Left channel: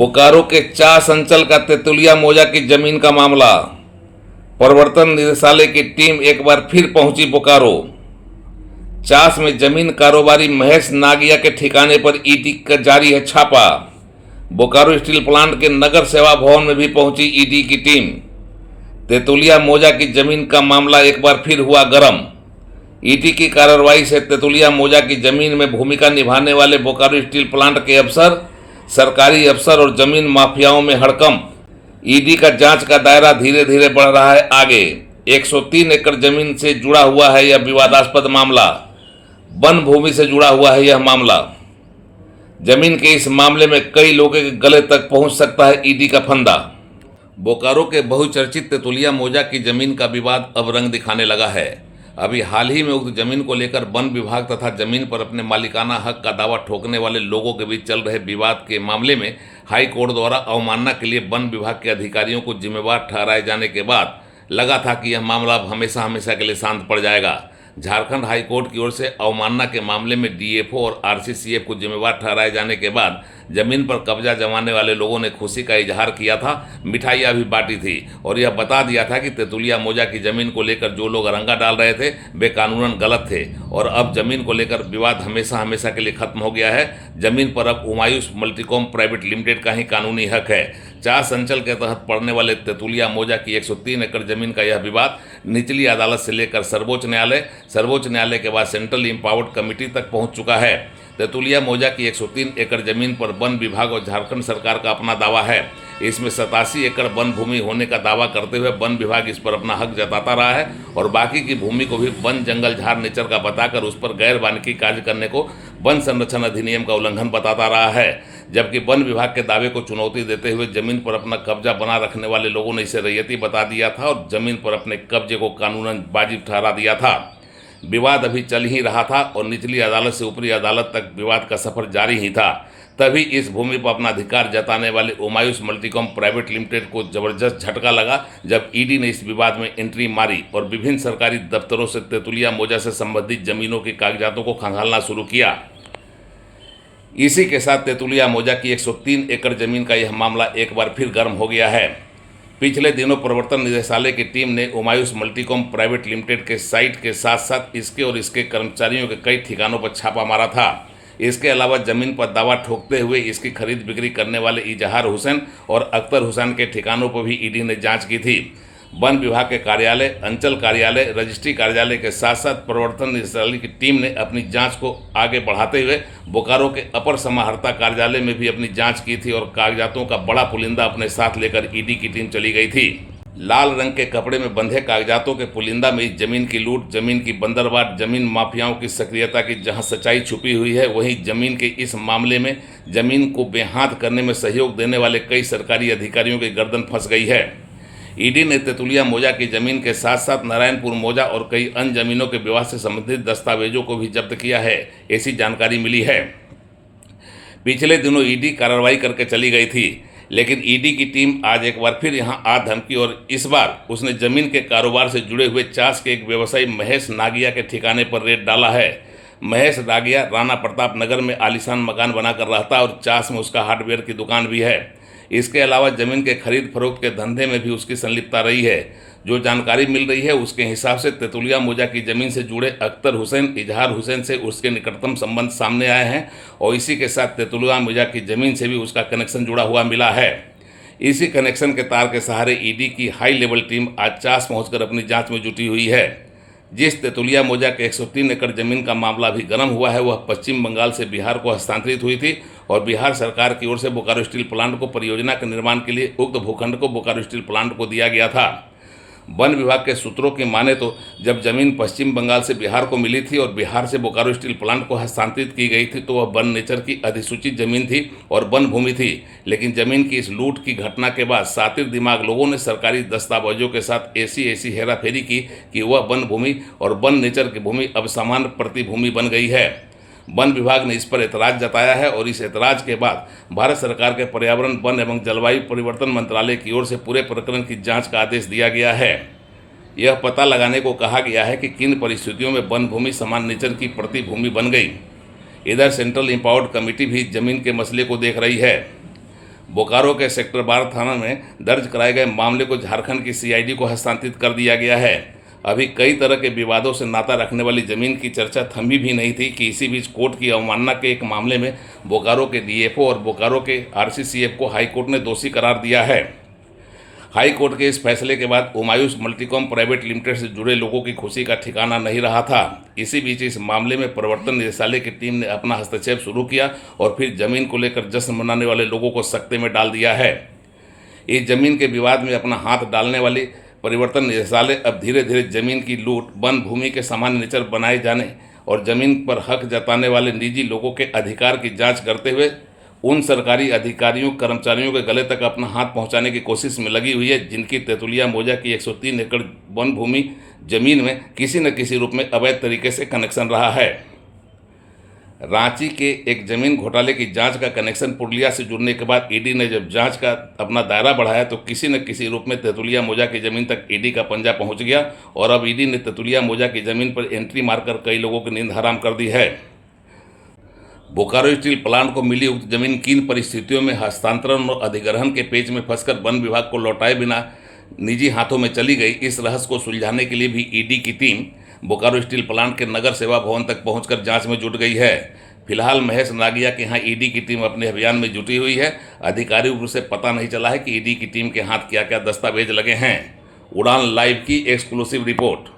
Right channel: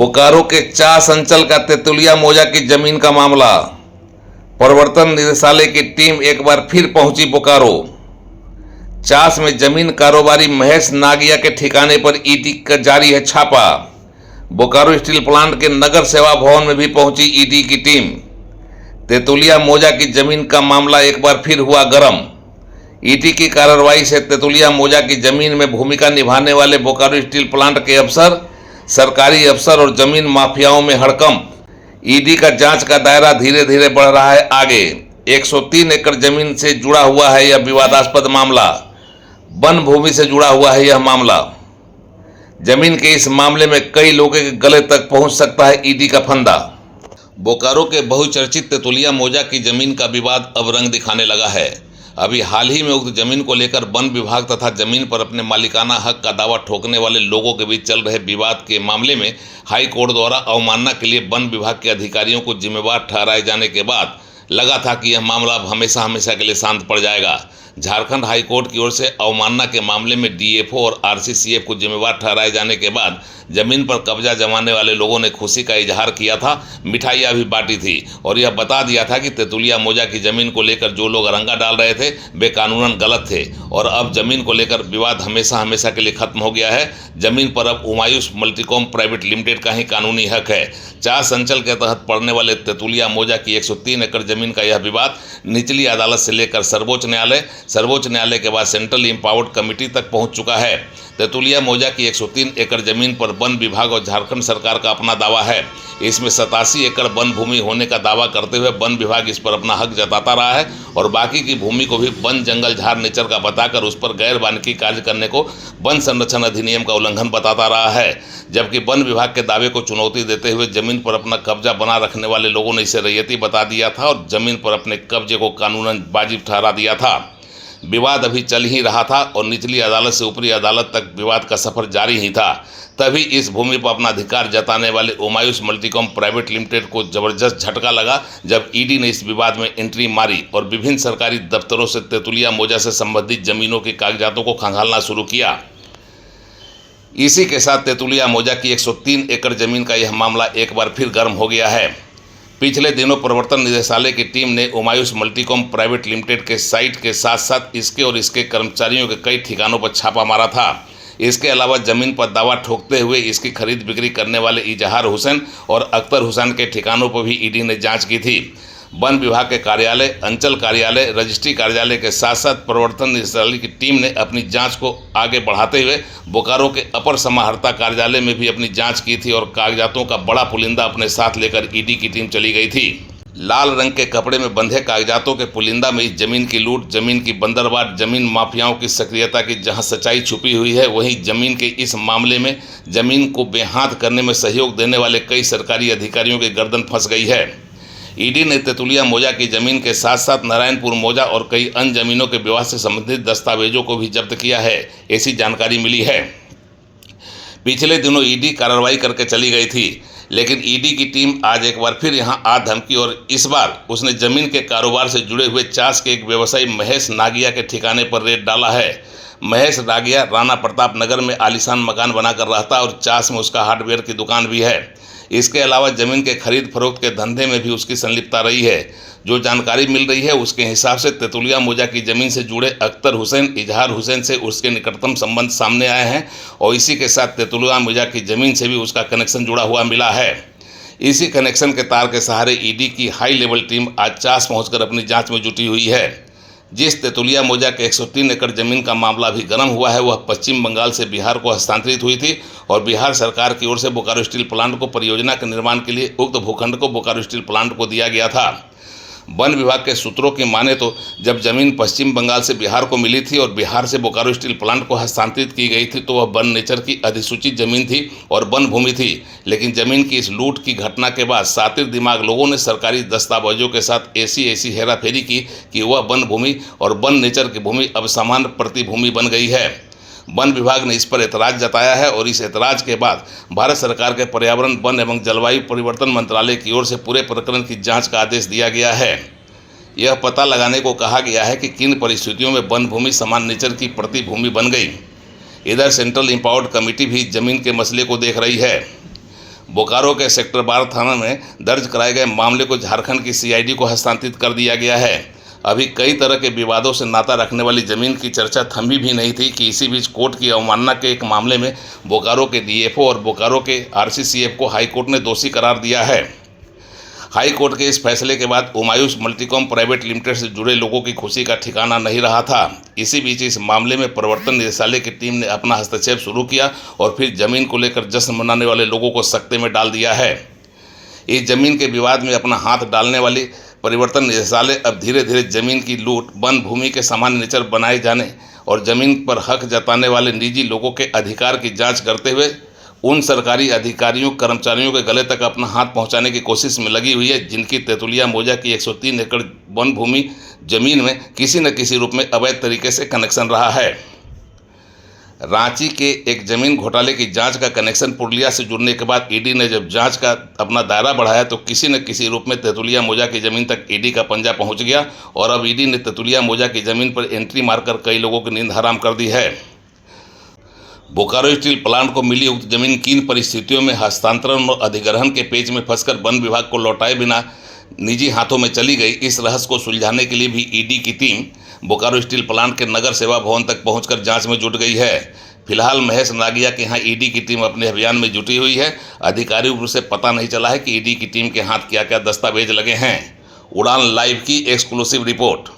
बोकारो के चास अंचल का तेतुलिया मौजा की जमीन का मामला। प्रवर्तन निदेशालय की टीम एक बार फिर पहुंची बोकारो। चास में जमीन कारोबारी महेश नागिया के ठिकाने पर ईडी का जारी है छापा। बोकारो स्टील प्लांट के नगर सेवा भवन में भी पहुंची ईडी की टीम। तेतुलिया मौजा की जमीन का मामला एक बार फिर हुआ गर्म। ईडी की कार्रवाई से तेतुलिया मौजा की जमीन में भूमिका निभाने वाले बोकारो स्टील प्लांट के अफसर, सरकारी अफसर और जमीन माफियाओं में हड़कंप। ईडी का जांच का दायरा धीरे धीरे बढ़ रहा है आगे। 103 एकड़ जमीन से जुड़ा हुआ है यह विवादास्पद मामला। वन भूमि से जुड़ा हुआ है यह मामला। जमीन के इस मामले में कई लोगों के गले तक पहुंच सकता है ईडी का फंदा। बोकारो के बहुचर्चित तेतुलिया मौजा की जमीन का विवाद अब रंग दिखाने लगा है। अभी हाल ही में उक्त जमीन को लेकर वन विभाग तथा जमीन पर अपने मालिकाना हक का दावा ठोकने वाले लोगों के बीच चल रहे विवाद के मामले में हाई कोर्ट द्वारा अवमानना के लिए वन विभाग के अधिकारियों को जिम्मेवार ठहराए जाने के बाद लगा था कि यह मामला अब हमेशा हमेशा के लिए शांत पड़ जाएगा। झारखंड हाई कोर्ट की ओर से अवमानना के मामले में डीएफओ और आरसीसीएफ को जिम्मेवार ठहराए जाने के बाद जमीन पर कब्जा जमाने वाले लोगों ने खुशी का इजहार किया था, मिठाइयाँ भी बांटी थी और यह बता दिया था कि तेतुलिया मौजा की जमीन को लेकर जो लोग अरंगा डाल रहे थे वे कानूनन गलत थे और अब जमीन को लेकर विवाद हमेशा हमेशा के लिए खत्म हो गया है। जमीन पर अब उमायूस मल्टीकॉम प्राइवेट लिमिटेड का ही कानूनी हक है। चास अंचल के तहत पड़ने वाले तेतुलिया मौजा की 103 एकड़ जमीन का यह विवाद निचली अदालत से लेकर सर्वोच्च न्यायालय के बाद सेंट्रल इम्पावर्ड कमेटी तक पहुंच चुका है। तेतुलिया मौजा की 103 एकड़ जमीन पर वन विभाग और झारखंड सरकार का अपना दावा है। इसमें 87 एकड़ वन भूमि होने का दावा करते हुए वन विभाग इस पर अपना हक जताता रहा है और बाकी की भूमि को भी वन जंगल झाड़ नेचर का बताकर उस पर गैर वानिकी कार्य करने को वन संरक्षण अधिनियम का उल्लंघन बताता रहा है। जबकि वन विभाग के दावे को चुनौती देते हुए जमीन पर अपना कब्जा बना रखने वाले लोगों ने इसे रैयती बता दिया था और जमीन पर अपने कब्जे को कानूनन वाजिब ठहरा दिया था। विवाद अभी चल ही रहा था और निचली अदालत से ऊपरी अदालत तक विवाद का सफर जारी ही था। तभी इस भूमि पर अपना अधिकार जताने वाले उमायूस मल्टीकॉम प्राइवेट लिमिटेड को जबरदस्त झटका लगा जब ईडी ने इस विवाद में एंट्री मारी और विभिन्न सरकारी दफ्तरों से तेतुलिया मौजा से संबंधित जमीनों के कागजातों को खंगालना शुरू किया। इसी के साथ तेतुलिया मौजा की 103 एकड़ जमीन का यह मामला एक बार फिर गर्म हो गया है। पिछले दिनों प्रवर्तन निदेशालय की टीम ने उमायूस मल्टीकॉम प्राइवेट लिमिटेड के साइट के साथ साथ इसके और इसके कर्मचारियों के कई ठिकानों पर छापा मारा था। इसके अलावा जमीन पर दावा ठोकते हुए इसकी खरीद बिक्री करने वाले इजहार हुसैन और अख्तर हुसैन के ठिकानों पर भी ईडी ने जांच की थी। वन विभाग के कार्यालय, अंचल कार्यालय, रजिस्ट्री कार्यालय के साथ साथ प्रवर्तन निदेशालय की टीम ने अपनी जांच को आगे बढ़ाते हुए बोकारो के अपर समाहर्ता कार्यालय में भी अपनी जांच की थी और कागजातों का बड़ा पुलिंदा अपने साथ लेकर ईडी की टीम चली गई थी। लाल रंग के कपड़े में बंधे कागजातों के पुलिंदा में इस जमीन की लूट, जमीन की बंदरबांट, जमीन माफियाओं की सक्रियता की जहां सच्चाई छुपी हुई है, वहीं जमीन के इस मामले में जमीन को बेहाथ करने में सहयोग देने वाले कई सरकारी अधिकारियों की गर्दन फंस गई है। ईडी ने तेतुलिया मौजा की जमीन के साथ साथ नारायणपुर मौजा और कई अन्य जमीनों के विवाद से संबंधित दस्तावेजों को भी जब्त किया है, ऐसी जानकारी मिली है। पिछले दिनों ईडी कार्रवाई करके चली गई थी, लेकिन ईडी की टीम आज एक बार फिर यहां आ धमकी और इस बार उसने जमीन के कारोबार से जुड़े हुए चास के एक व्यवसायी महेश नागिया के ठिकाने पर रेड डाला है। महेश नागिया राणा प्रताप नगर में आलीशान मकान बनाकर रहता और चास में उसका हार्डवेयर की दुकान भी है। इसके अलावा जमीन के खरीद फरोख्त के धंधे में भी उसकी संलिप्तता रही है। जो जानकारी मिल रही है उसके हिसाब से तेतुलिया मौजा की जमीन से जुड़े अख्तर हुसैन, इजहार हुसैन से उसके निकटतम संबंध सामने आए हैं और इसी के साथ तेतुलिया मौजा की जमीन से भी उसका कनेक्शन जुड़ा हुआ मिला है। इसी कनेक्शन के तार के सहारे ईडी की हाई लेवल टीम आज चास पहुंचकर अपनी जांच में जुटी हुई है। जिस तेतुलिया मौजा के 103 एकड़ जमीन का मामला भी गर्म हुआ है, वह पश्चिम बंगाल से बिहार को हस्तांतरित हुई थी और बिहार सरकार की ओर से बोकारो स्टील प्लांट को परियोजना के निर्माण के लिए उक्त भूखंड को बोकारो स्टील प्लांट को दिया गया था। वन विभाग के सूत्रों की माने तो जब जमीन पश्चिम बंगाल से बिहार को मिली थी और बिहार से बोकारो स्टील प्लांट को हस्तांतरित की गई थी तो वह वन नेचर की अधिसूचित जमीन थी और वन भूमि थी। लेकिन जमीन की इस लूट की घटना के बाद सातिर दिमाग लोगों ने सरकारी दस्तावेजों के साथ ऐसी हेराफेरी की कि वह वन भूमि और वन नेचर की भूमि अब समान प्रतिभूमि बन गई है। वन विभाग ने इस पर एतराज़ जताया है और इस एतराज़ के बाद भारत सरकार के पर्यावरण, वन एवं जलवायु परिवर्तन मंत्रालय की ओर से पूरे प्रकरण की जांच का आदेश दिया गया है। यह पता लगाने को कहा गया है कि किन परिस्थितियों में वन भूमि समान नेचर की प्रतिभूमि बन गई। इधर सेंट्रल इम्पावर्ड कमेटी भी जमीन के मसले को देख रही है। बोकारो के सेक्टर 12 थाना में दर्ज कराए गए मामले को झारखंड की सीआईडी को हस्तांतरित कर दिया गया है। अभी कई तरह के विवादों से नाता रखने वाली जमीन की चर्चा थमी भी नहीं थी कि इसी बीच कोर्ट की अवमानना के एक मामले में बोकारो के डीएफओ और बोकारो के आरसीसीएफ को हाईकोर्ट ने दोषी करार दिया है। हाई कोर्ट के इस फैसले के बाद उमायूस मल्टीकॉम प्राइवेट लिमिटेड से जुड़े लोगों की खुशी का ठिकाना नहीं रहा था। इसी बीच इस मामले में प्रवर्तन निदेशालय की टीम ने अपना हस्तक्षेप शुरू किया और फिर जमीन को लेकर जश्न मनाने वाले लोगों को सकते में डाल दिया है। इस जमीन के विवाद में अपना हाथ डालने वाली परिवर्तन निदेशालय अब धीरे धीरे जमीन की लूट, वन भूमि के सामान्य नेचर बनाए जाने और जमीन पर हक जताने वाले निजी लोगों के अधिकार की जांच करते हुए उन सरकारी अधिकारियों कर्मचारियों के गले तक अपना हाथ पहुंचाने की कोशिश में लगी हुई है जिनकी तेतुलिया मौजा की 103 एकड़ वन भूमि जमीन में किसी न किसी रूप में अवैध तरीके से कनेक्शन रहा है। रांची के एक जमीन घोटाले की जांच का कनेक्शन पुरुलिया से जुड़ने के बाद ईडी ने जब जांच का अपना दायरा बढ़ाया तो किसी न किसी रूप में तेतुलिया मौजा की जमीन तक ईडी का पंजा पहुंच गया और अब ईडी ने तेतुलिया मौजा की जमीन पर एंट्री मारकर कई लोगों की नींद हराम कर दी है। बोकारो स्टील प्लांट को मिली उक्त जमीन किन परिस्थितियों में हस्तांतरण और अधिग्रहण के पेच में फंसकर वन विभाग को लौटाए बिना निजी हाथों में चली गई, इस रहस्य को सुलझाने के लिए भी ईडी की टीम बोकारो स्टील प्लांट के नगर सेवा भवन तक पहुंचकर जांच में जुट गई है। फिलहाल महेश नागिया के यहाँ ईडी की टीम अपने अभियान में जुटी हुई है। आधिकारिक रूप से पता नहीं चला है कि ईडी की टीम के हाथ क्या क्या दस्तावेज लगे हैं। उड़ान लाइव की एक्सक्लूसिव रिपोर्ट।